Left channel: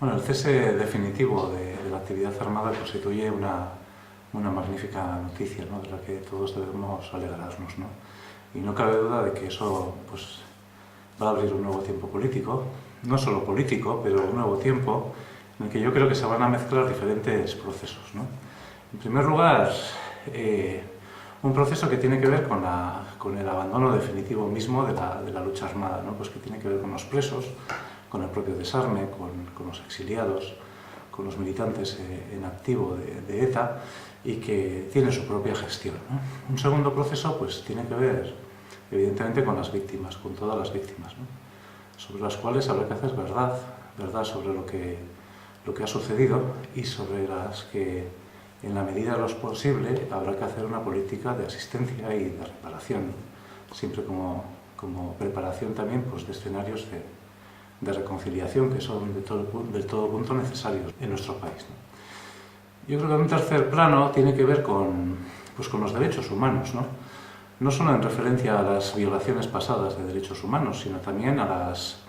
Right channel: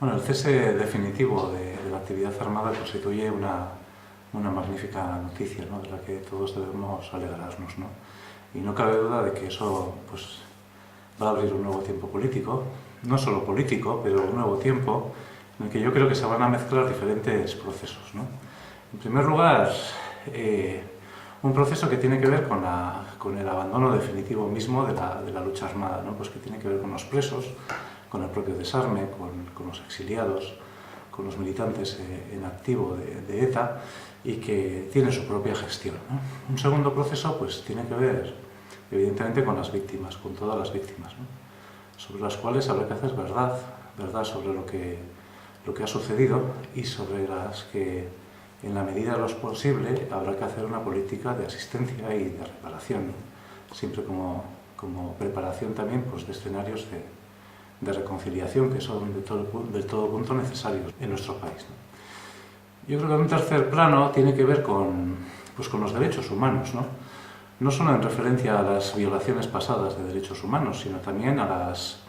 Bueno, el cese definitivo de la actividad armada constituye una magnífica noticia, ¿no?, de la que todos debemos alegrarnos, ¿no? Y no cabe duda de que eso pues, va a abrir un nuevo tiempo político, no solo político, pero un nuevo tiempo en el que yo creo que se van a mezclar diferentes procesos, ¿no? En primer lugar, un proceso que tiene que ver con el abandono definitivo mismo de la lucha armada, ¿no? Pues que tiene que ver con los presos, con el propio desarme, con los exiliados, con los militantes en activo de ETA, y que tiene su propia gestión, ¿no? Un segundo proceso pues, tiene que ver, evidentemente, con las víctimas, con todas las víctimas, ¿no?, sobre las cuales habrá que hacer verdad sobre lo que ha sucedido y sobre las que, en la medida de lo posible, habrá que hacer una política de asistencia y de reparación, ¿no?, siempre como preparación también pues, de escenarios de reconciliación que son del todo punto necesarios en nuestro país, ¿no? Yo creo que un tercer plano tiene que ver con los derechos humanos, ¿no? No solo en referencia a las violaciones pasadas de derechos humanos, sino también a las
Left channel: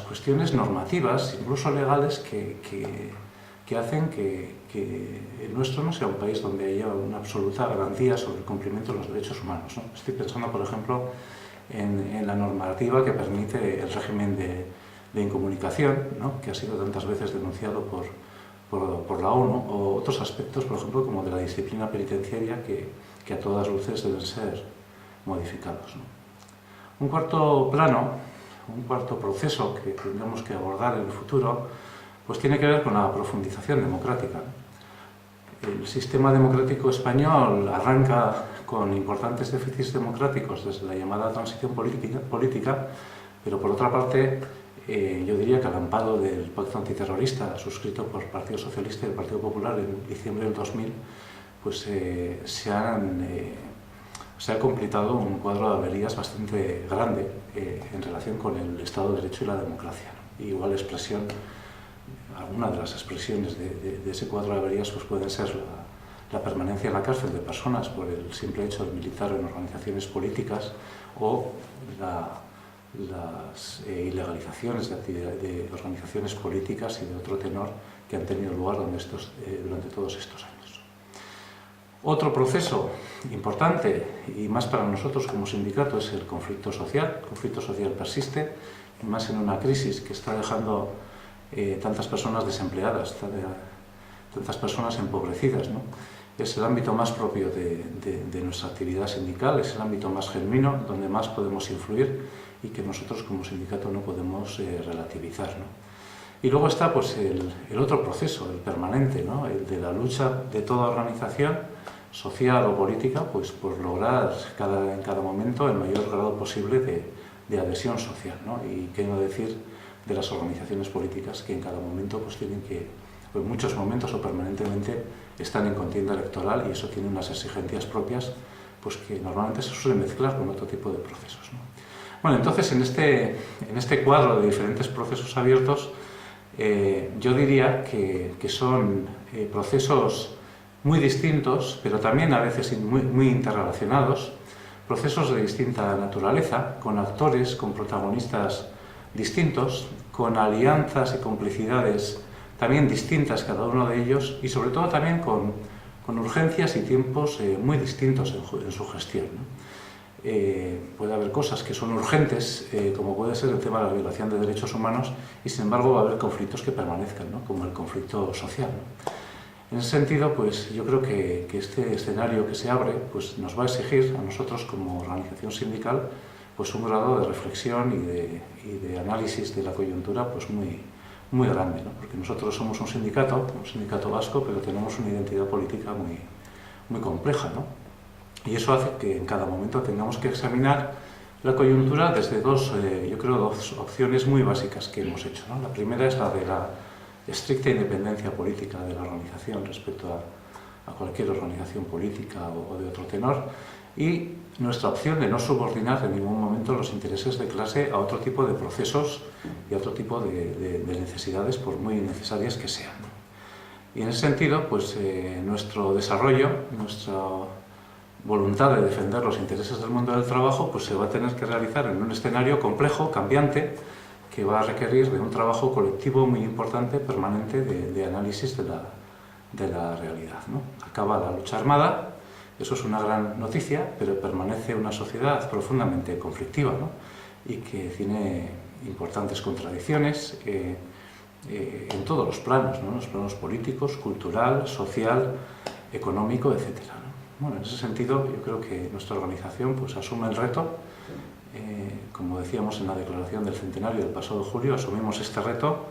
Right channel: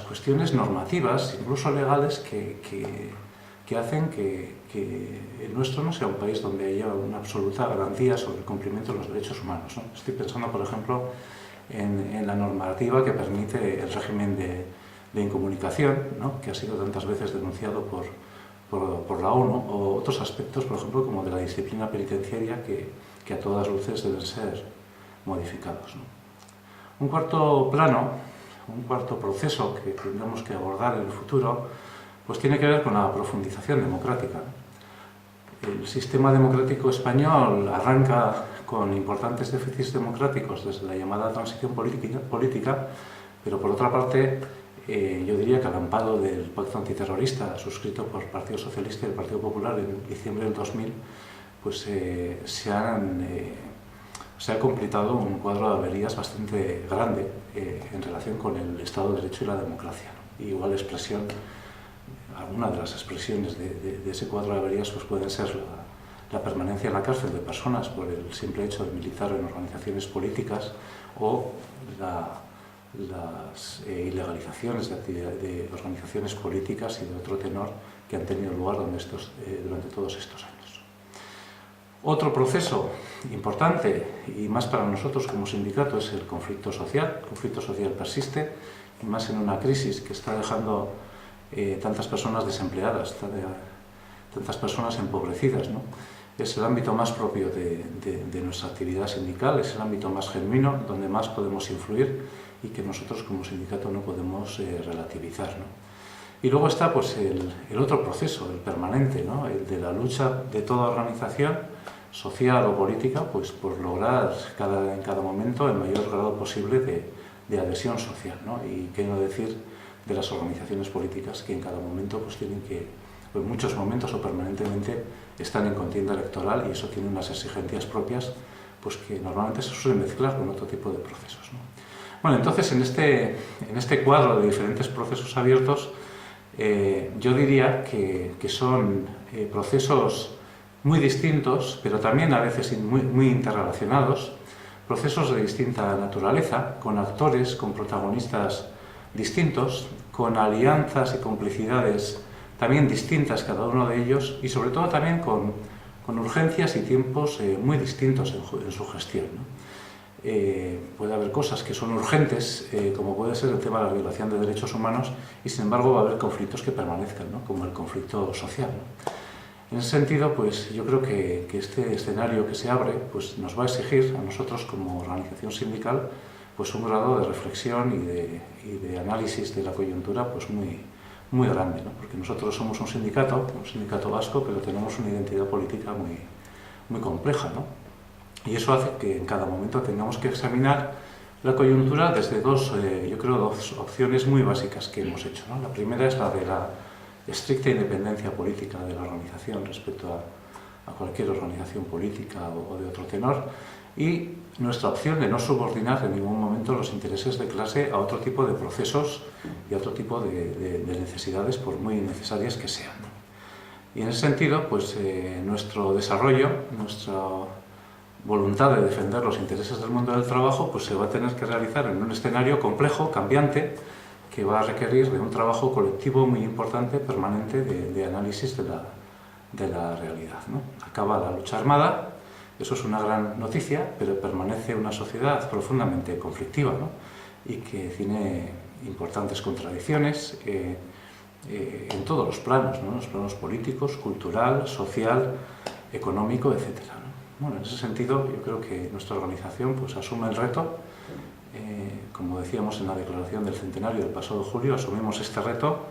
cuestiones normativas, incluso legales, que hacen que el nuestro no sea un país donde haya una absoluta garantía sobre el cumplimiento de los derechos humanos, ¿no? Estoy pensando, por ejemplo, en la normativa que permite el régimen de incomunicación, ¿no?, que ha sido tantas veces denunciado por la ONU, o otros aspectos, por ejemplo, como de la disciplina penitenciaria que a todas luces deben ser modificados, ¿no? Un cuarto plano, un cuarto proceso que tendremos que abordar en el futuro, pues tiene que ver con la profundización democrática, ¿no? El sistema democrático español arranca con importantes déficits democráticos desde la llamada transición política, pero por otra parte, yo diría que al amparo del pacto antiterrorista suscrito por el Partido Socialista y el Partido Popular en diciembre del 2000, pues se ha completado un cuadro de averías bastante grande en relación con el Estado de Derecho y la democracia, ¿no? Y igual expresión, alguna de las expresiones de ese cuadro de averías pues pueden ser la permanencia en la cárcel de personas por el simple hecho de militar en organizaciones políticas, o las ilegalizaciones de organizaciones políticas y de otro tenor que han tenido lugar durante todos estos años. Otro proceso importante, y más para nosotros como sindicato, es el conflicto social. El conflicto social persiste, y más en una crisis que está dejando tantas personas desempleadas, tantas personas empobrecidas, ¿no? Es el ámbito más propio de nuestra actividad sindical, es el ámbito más genuino, donde más podemos influir y que nosotros como sindicato no podemos relativizar, ¿no? Y luego está pues, el otro proceso, el permanente, ¿no?, el de la lucha de toda organización social o política pues, por lograr en cada momento el mayor grado posible de adhesión social, ¿no? Y qué no decir de las organizaciones políticas que en cada momento pues, tienen que, o en muchos momentos o permanentemente, están en contienda electoral, y eso tiene unas exigencias propias pues, que normalmente se suelen mezclar con otro tipo de procesos, ¿no? Bueno, entonces en este cuadro de diferentes procesos abiertos, yo diría que son procesos muy distintos, pero también a veces muy interrelacionados, procesos de distinta naturaleza, con actores, con protagonistas distintos, con alianzas y complicidades también distintas cada uno de ellos, y sobre todo también con urgencias y tiempos muy distintos en su gestión, ¿no? Puede haber cosas que son urgentes, como puede ser el tema de la violación de derechos humanos, y sin embargo va a haber conflictos que permanezcan, ¿no?, como el conflicto social, ¿no? En ese sentido, pues yo creo que este escenario que se abre pues, nos va a exigir a nosotros como organización sindical pues, un grado de reflexión y de análisis de la coyuntura pues, muy grande, ¿no? Porque nosotros somos un sindicato vasco, pero tenemos una identidad política muy compleja, ¿no? Y eso hace que en cada momento tengamos que examinar la coyuntura desde dos opciones muy básicas que hemos hecho, ¿no? La primera es la de la estricta independencia política de la organización respecto a cualquier organización política o de otro tenor, y nuestra opción de no subordinar en ningún momento los intereses de clase a otro tipo de procesos y a otro tipo de necesidades, por muy necesarias que sean, ¿no? Y en ese sentido, pues nuestro desarrollo, nuestra voluntad de defender los intereses del mundo del trabajo, pues se va a tener que realizar en un escenario complejo, cambiante, que va a requerir de un trabajo colectivo muy importante, permanente, de análisis de la realidad, ¿no? Acaba la lucha armada, eso es una gran noticia, pero permanece una sociedad profundamente conflictiva, ¿no? Y que tiene importantes contradicciones en todos los planos, ¿no? Los planos políticos, cultural, social, económico, etc., ¿no? Bueno, en ese sentido, yo creo que nuestra organización pues, asume el reto. Como decíamos en la declaración del centenario del pasado julio, asumimos este reto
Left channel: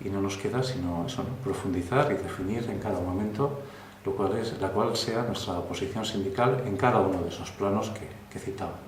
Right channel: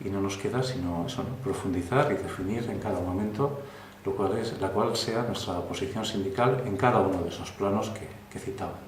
y no nos queda sino eso, ¿no? Profundizar y definir en cada momento la cual sea nuestra posición sindical en cada uno de esos planos que citaba.